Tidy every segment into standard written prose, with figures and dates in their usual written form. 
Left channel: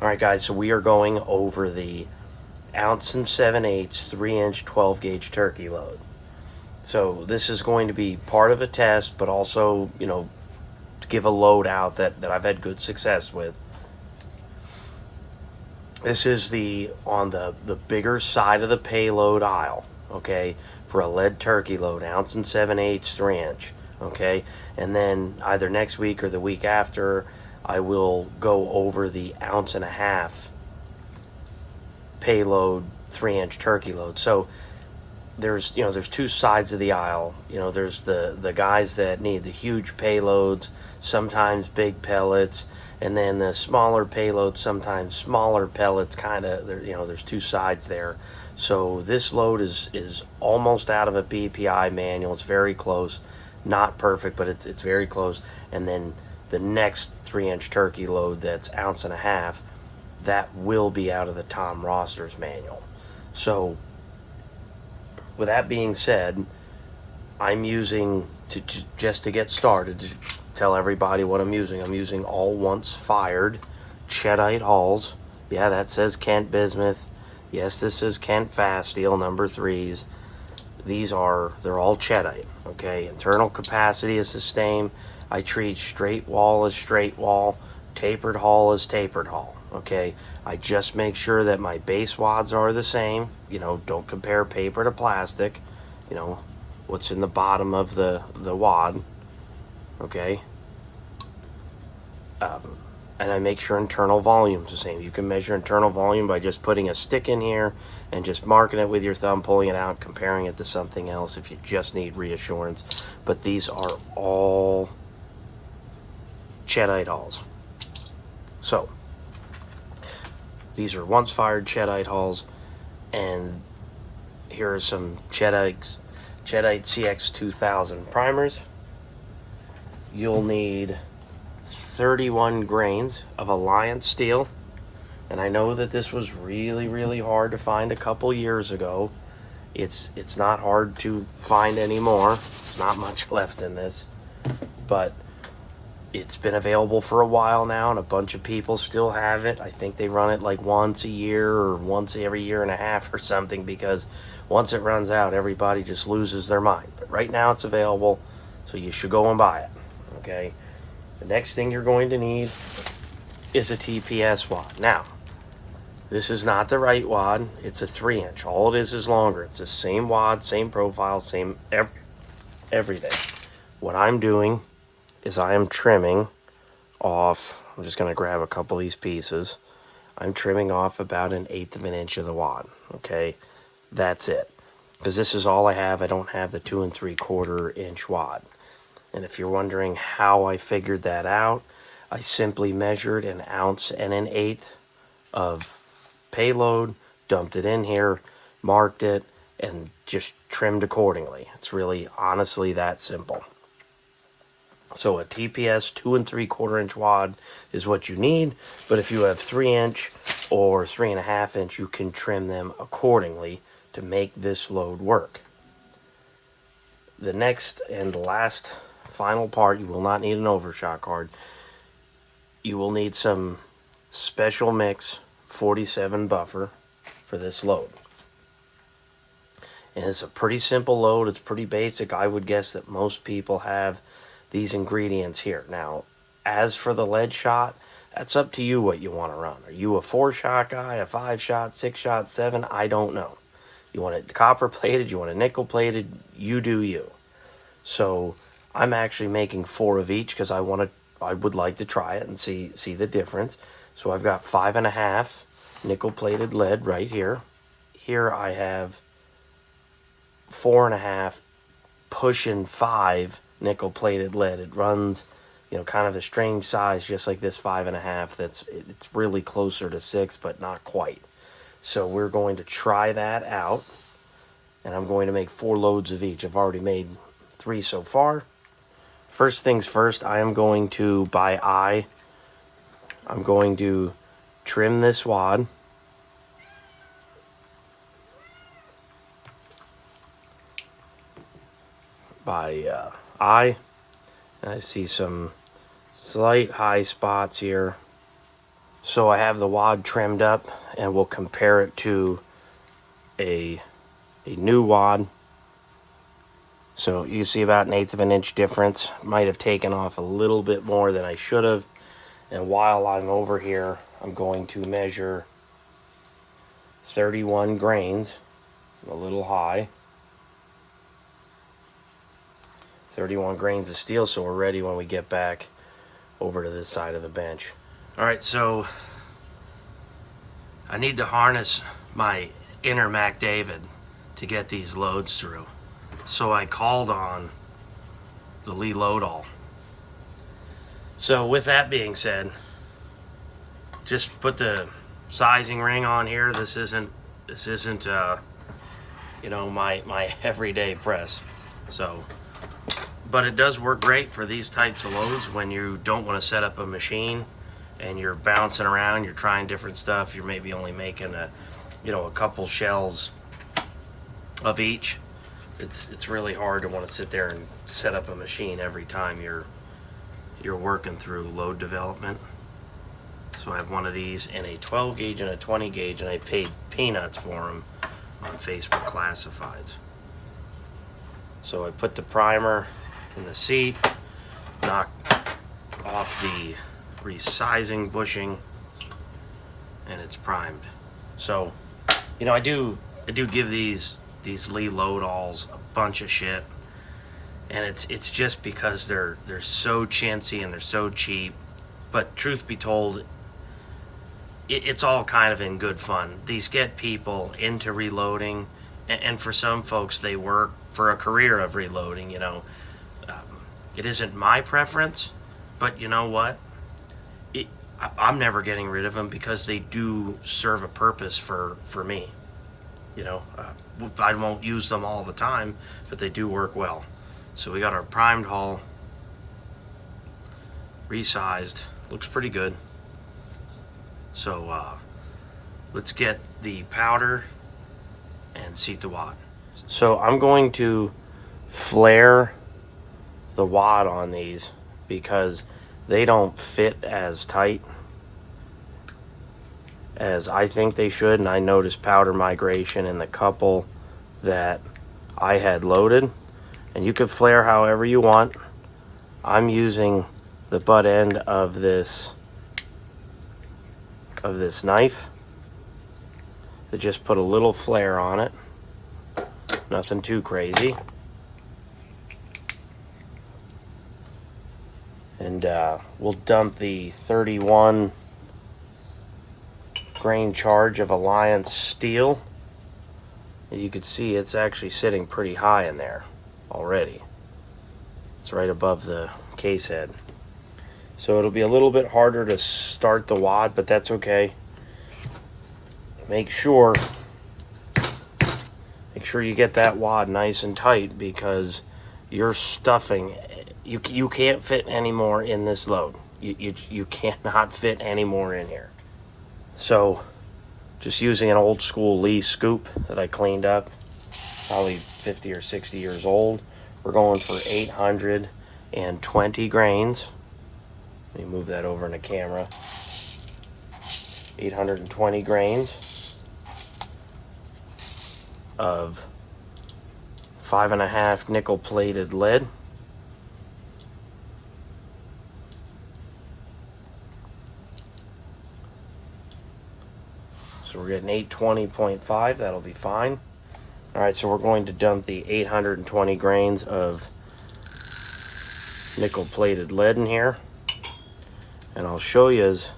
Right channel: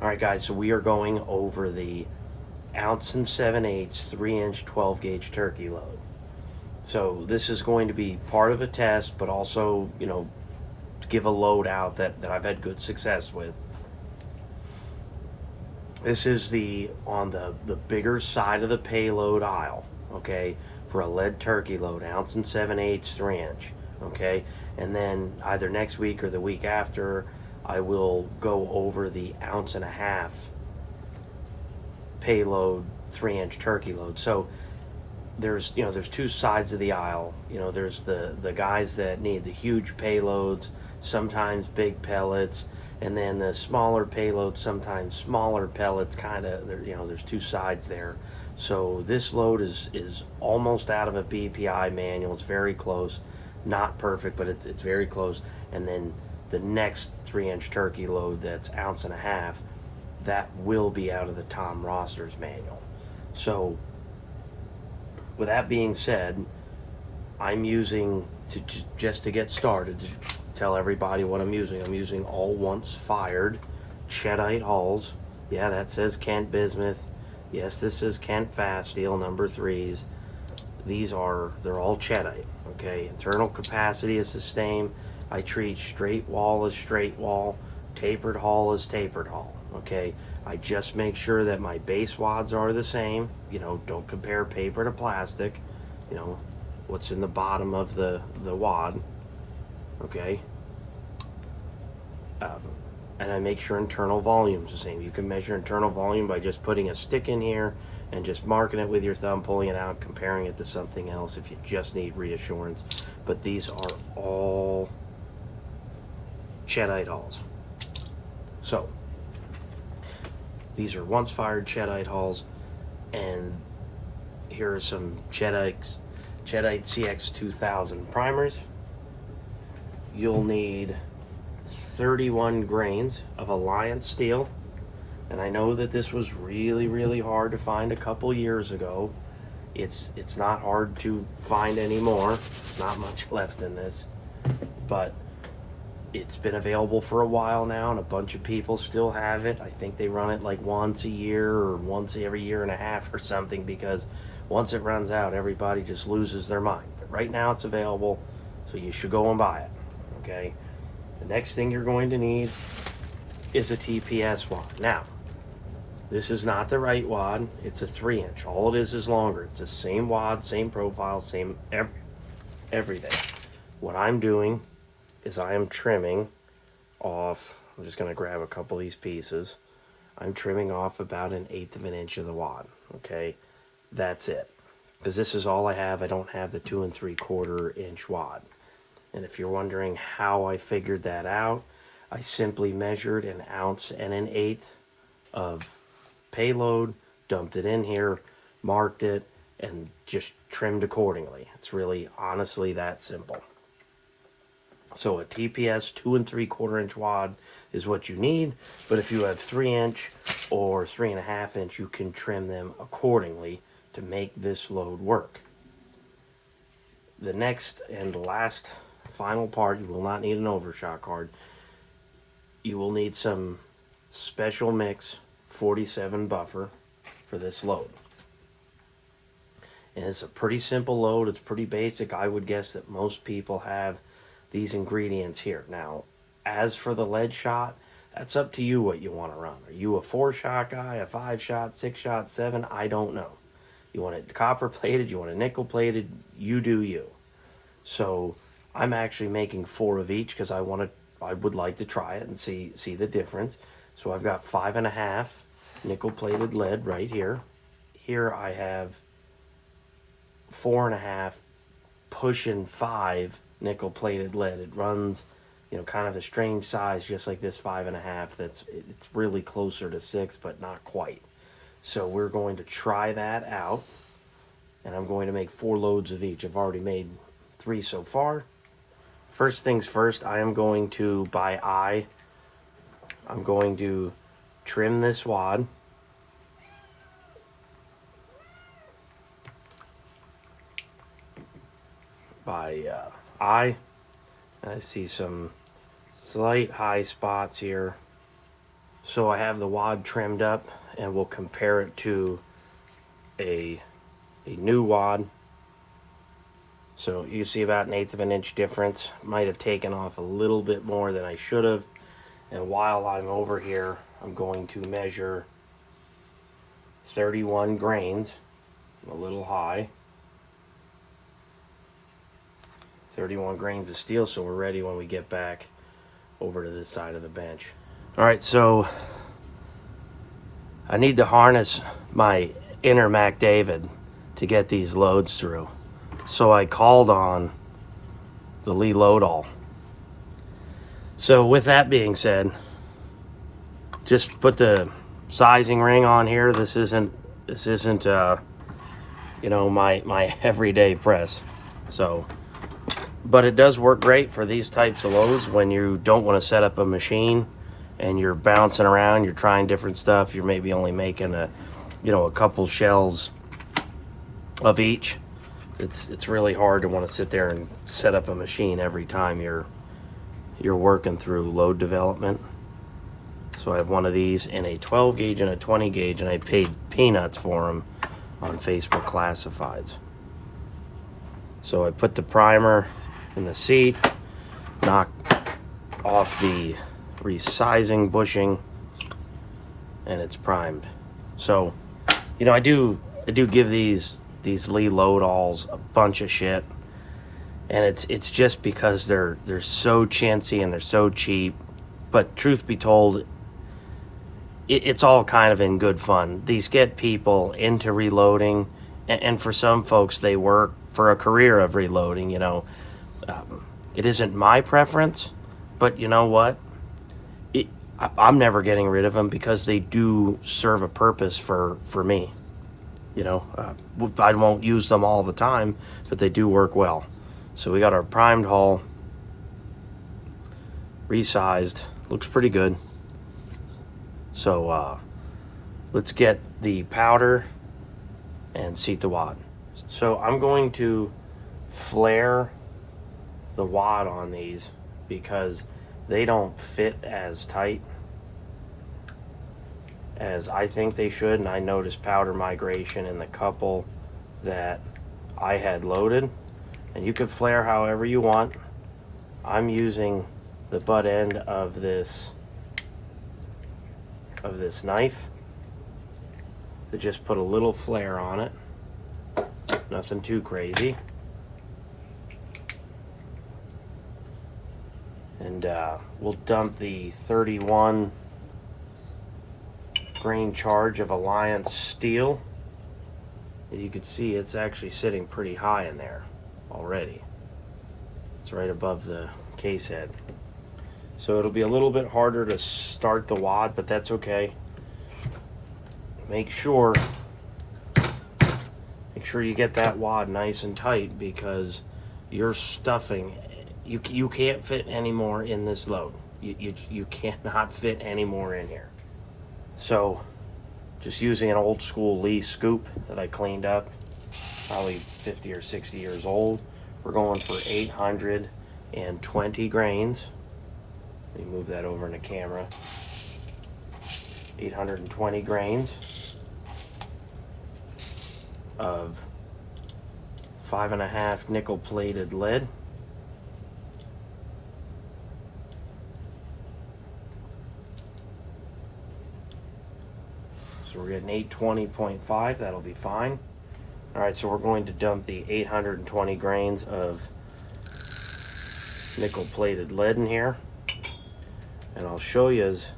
All right, guys, so we are going over the ounce and 7/8, 3-inch, 12 gauge turkey load. So this is going to be part of a test, but also, to give a load out that I've had good success with. This is on the bigger side of the payload aisle, okay, for a lead turkey load, ounce and 7/8, 3-inch, okay? And then either next week or the week after, I will go over the ounce and a half payload 3-inch turkey load. So there's two sides of the aisle. There's the guys that need the huge payloads, sometimes big pellets, and then the smaller payloads, sometimes smaller pellets. Kind of there's two sides there. So this load is almost out of a BPI manual. It's very close, not perfect, but it's very close. And then the next 3-inch turkey load, that's ounce and a half, that will be out of the Tom Roster's manual. So with that being said, I'm using just to get started, to tell everybody what I'm using. I'm using all once fired Cheddite hulls. Yeah, that says Kent Bismuth. Yes, this is Kent Fast Steel number 3s. They're all Cheddite. Okay, internal capacity is the same. I treat straight wall as straight wall, tapered hull as tapered hull. Okay, I just make sure that my base wads are the same. Don't compare paper to plastic. What's in the bottom of the wad. Okay, and I make sure internal volume's the same. You can measure internal volume by just putting a stick in here and just marking it with your thumb, pulling it out, comparing it to something else if you just need reassurance. But these are all Cheddite hulls. So these are once fired Cheddite hulls, and here are some Cheddite CX2000 primers. You'll need 31 grains of Alliance steel, and I know that this was really hard to find a couple years ago. It's not hard to find anymore. There's not much left in this, but it's been available for a while now, and a bunch of people still have it. I think they run it like once a year or once every year and a half or something, because once it runs out, everybody just loses their mind. But right now it's available, so you should go and buy it. Okay, the next thing you're going to need is a TPS wad. Now, this is not the right wad. It's a 3-inch. All it is longer. It's the same wad, same profile, same everything. What I'm doing is I am trimming off, I'm just going to grab a couple of these pieces. I'm trimming off about 1/8 of an inch of the wad. Okay, that's it. Because this is all I have. I don't have the 2 3/4 inch wad. And if you're wondering how I figured that out, I simply measured 1 ounce and 1/8 of payload, dumped it in here, marked it, and just trimmed accordingly. It's really honestly that simple. So a TPS 2 3/4 inch wad is what you need, but if you have 3-inch or 3.5 inch, you can trim them accordingly to make this load work. The next and last final part, you will not need an overshot card. You will need some special mix 47 buffer for this load. And it's a pretty simple load. It's pretty basic. I would guess that most people have these ingredients here. Now, as for the lead shot, that's up to you what you want to run. Are you a 4-shot guy, a 5-shot, 6-shot, 7? I don't know. You want it copper plated, you want it nickel plated, you do you. So I'm actually making 4 of each because I would like to try it and see the difference. So I've got 5.5 nickel plated lead right here. Here I have 4.5 pushing 5 nickel plated lead. It runs, kind of a strange size, just like this 5.5. It's really closer to 6, but not quite. So we're going to try that out, and I'm going to make 4 loads of each. I've already made 3 so far. First things first, I am going to, by eye, I'm going to trim this wad. By eye, and I see some slight high spots here. So I have the wad trimmed up, and we'll compare it to a new wad. So you see about 1/8 of an inch difference. Might have taken off a little bit more than I should have. And while I'm over here, I'm going to measure 31 grains, a little high. 31 grains of steel, so we're ready when we get back over to this side of the bench. All right, so I need to harness my inner Mac David to get these loads through. So I called on the Lee Loadall. So with that being said, just put the sizing ring on here. This isn't you know, my everyday press. So, but it does work great for these types of loads when you don't want to set up a machine and you're bouncing around, you're trying different stuff, you're maybe only making a couple shells of each. It's really hard to want to sit there and set up a machine every time you're working through load development. So I have one of these in a 12 gauge and a 20 gauge, and I paid peanuts for them on Facebook Classifieds. So I put the primer in the seat, knock off the resizing bushing, and it's primed. So, you know, I do give these Lee Loadalls a bunch of shit, and it's just because they're so chintzy and they're so cheap. But truth be told, it's all kind of in good fun. These get people into reloading, and for some folks, they work for a career of reloading. You know, it isn't my preference, but you know what? I'm never getting rid of them because they do serve a purpose for me. You know, I won't use them all the time, but they do work well. So we got our primed hull, resized, looks pretty good. So let's get the powder and seat the wad. So I'm going to flare the wad on these because they don't fit as tight as I think they should, and I noticed powder migration in the couple that I had loaded. And you could flare however you want. I'm using the butt end of this knife to just put a little flare on it. Nothing too crazy. And we'll dump the 31 grain charge of Alliance steel. As you can see, it's actually sitting pretty high in there already. It's right above the case head. So it'll be a little bit harder to start the wad, but that's okay. Make sure you get that wad nice and tight, because you're stuffing. You can't fit any more in this load. You cannot fit any more in here. So just using an old school Lee scoop that I cleaned up, probably 50 or 60 years old. We're going for 820 grains. Let me move that over in the camera. 820 grains of 5.5 nickel plated lead. So we're getting 820.5, that'll be fine. All right, so we're going to dump the 820 grains of nickel plated lead in here. And I'll show you, as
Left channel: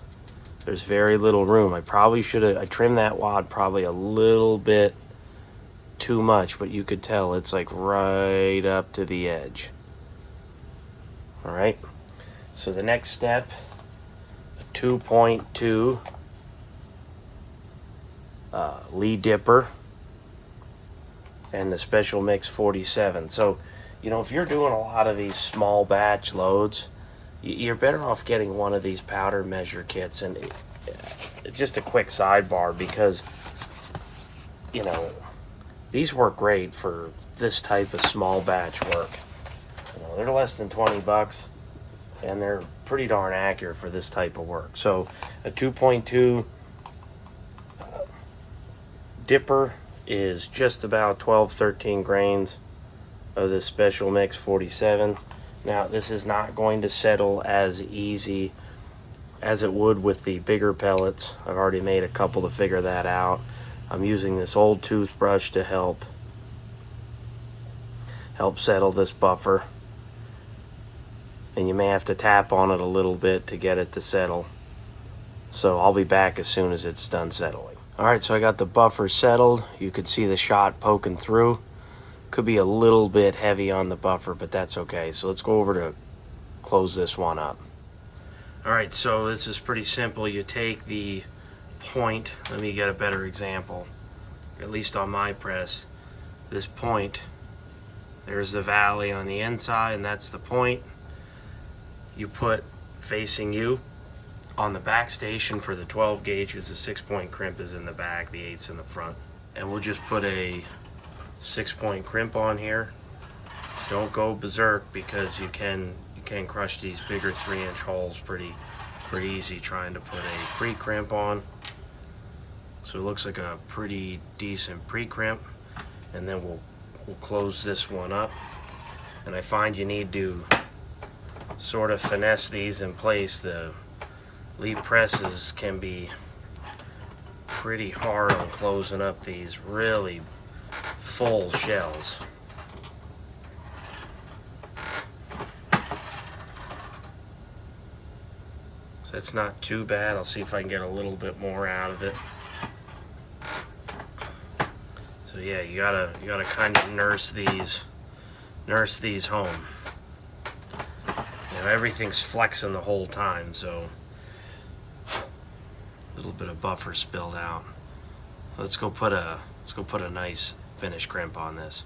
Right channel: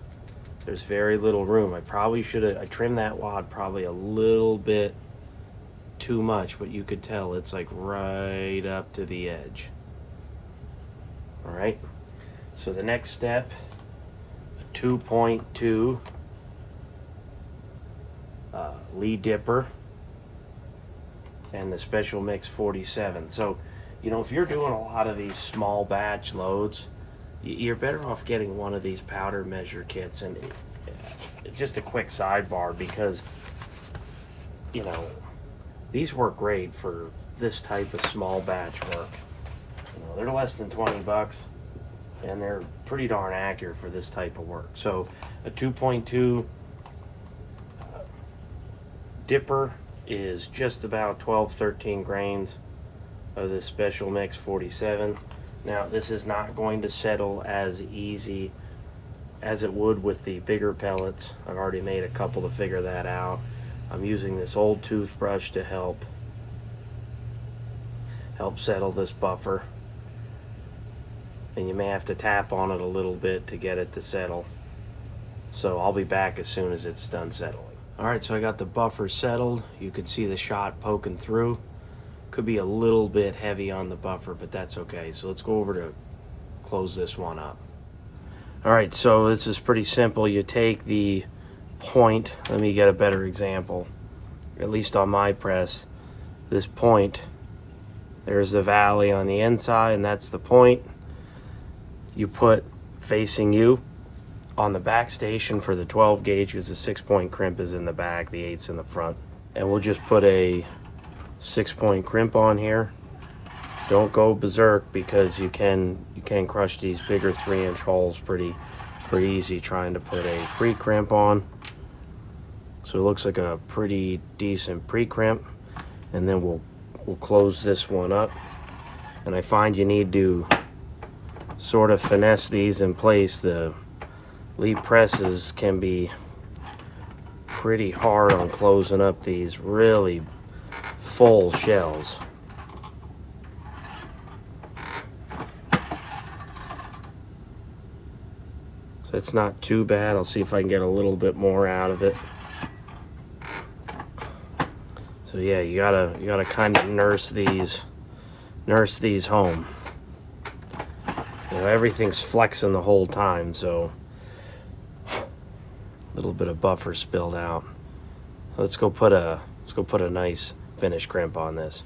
there's very little room. I probably should have, I trimmed that wad probably a little bit too much, but you could tell it's like right up to the edge. All right, so the next step, 2.2 Lee Dipper and the Special Mix 47. So, you know, if you're doing a lot of these small batch loads, you're better off getting one of these powder measure kits. And just a quick sidebar, because, you know, these work great for this type of small batch work. You know, they're less than 20 bucks. and they're pretty darn accurate for this type of work. So a 2.2 dipper is just about 12-13 grains of this Special Mix 47. Now this is not going to settle as easy as it would with the bigger pellets. I've already made a couple to figure that out. I'm using this old toothbrush to help settle this buffer, and you may have to tap on it a little bit to get it to settle. So I'll be back as soon as it's done settling. Alright, so I got the buffer settled. You could see the shot poking through. Could be a little bit heavy on the buffer, but that's okay. So let's go over to close this one up. Alright, so this is pretty simple. You take the point, let me get a better example, at least on my press. This point, there's the valley on the inside, and that's the point. You put facing you on the back station for the 12 gauge, because the 6-point crimp is in the back, the 8's in the front. And we'll just put a 6-point crimp on here. Don't go berserk, because you can crush these bigger 3-inch holes pretty easy trying to put a pre-crimp on. So it looks like a pretty decent pre-crimp, and then we'll close this one up. And I find you need to sort of finesse these in place. The lead presses can be pretty hard on closing up these really full shells. So it's not too bad. I'll see if I can get a little bit more out of it. So yeah, you gotta kind of nurse these home. You know, everything's flexing the whole time, so a little bit of buffer spilled out. Let's go put a nice finish crimp on this.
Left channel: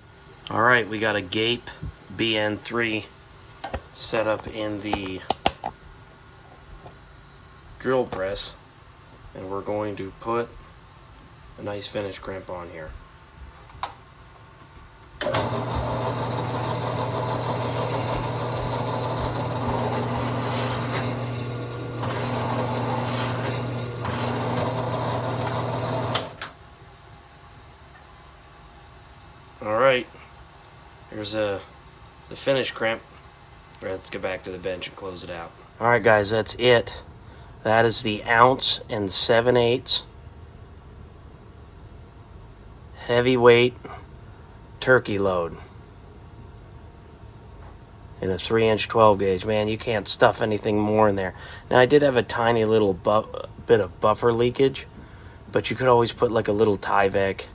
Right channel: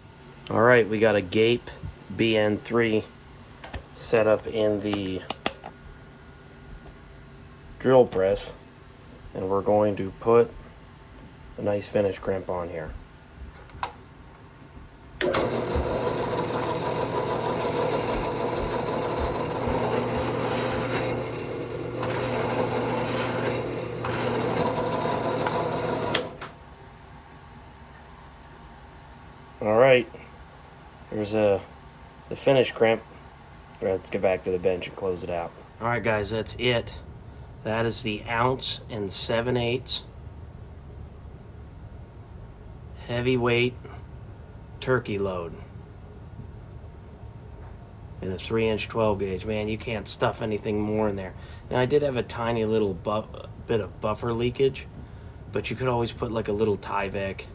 All right, we got a Gape BN3 set up in the drill press, and we're going to put a nice finish crimp on here. All right, here's the finish crimp. Let's get back to the bench and close it out. All right, guys, that's it. That is the 1 7/8 ounce heavyweight turkey load in a 3-inch 12 gauge. Man, you can't stuff anything more in there. Now, I did have a tiny little bit of buffer leakage, but you could always put like a little Tyvek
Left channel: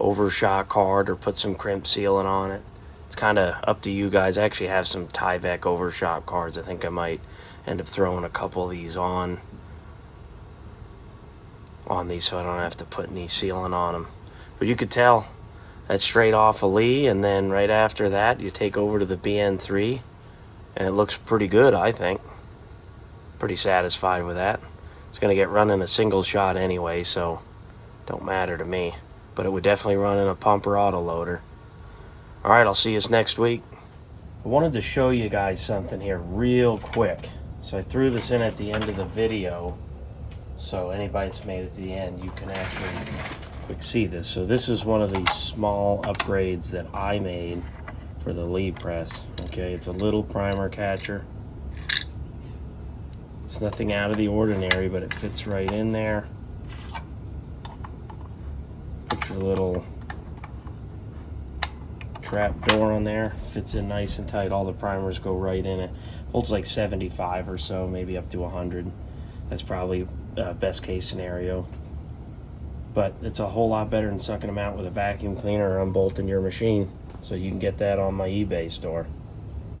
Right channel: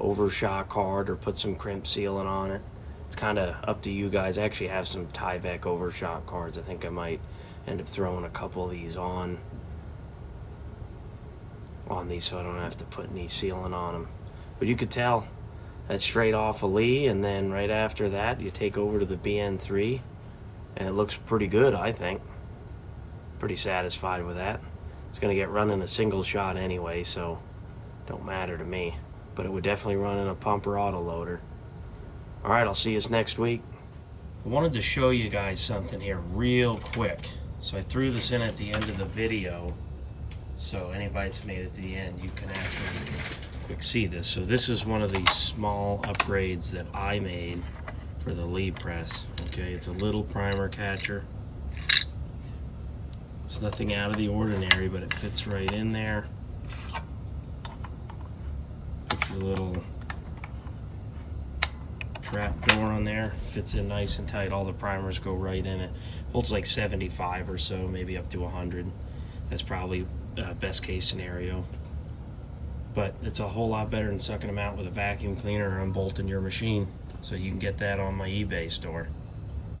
overshot card or put some crimp sealant on it. It's kind of up to you guys. I actually have some Tyvek overshot cards. I think I might end up throwing a couple of these on these so I don't have to put any sealant on them. But you could tell that's straight off of Lee, and then right after that you take over to the BN3, and it looks pretty good, I think. Pretty satisfied with that. It's going to get run in a single shot anyway, so don't matter to me. But it would definitely run in a pumper autoloader. Alright, I'll see you next week. I wanted to show you guys something here real quick. So I threw this in at the end of the video, so anybody that's made it to the end, you can actually quick see this. So this is one of these small upgrades that I made for the Lee press. Okay, it's a little primer catcher. It's nothing out of the ordinary, but it fits right in there. Picture the little trap door on there. Fits in nice and tight. All the primers go right in it. Holds like 75 or so, maybe up to 100. That's probably best case scenario. But it's a whole lot better than sucking them out with a vacuum cleaner or unbolting your machine. So you can get that on my eBay store.